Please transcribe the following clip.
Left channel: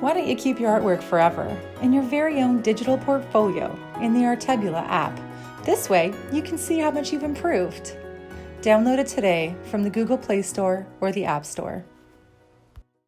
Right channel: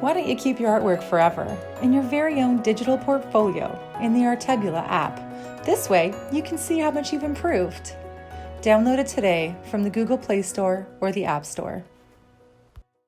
Why don't you keep your artwork forever in your very own digital portfolio in the Artebula app? This way, you can see how much you've improved. Download it today from the Google Play Store or the App Store.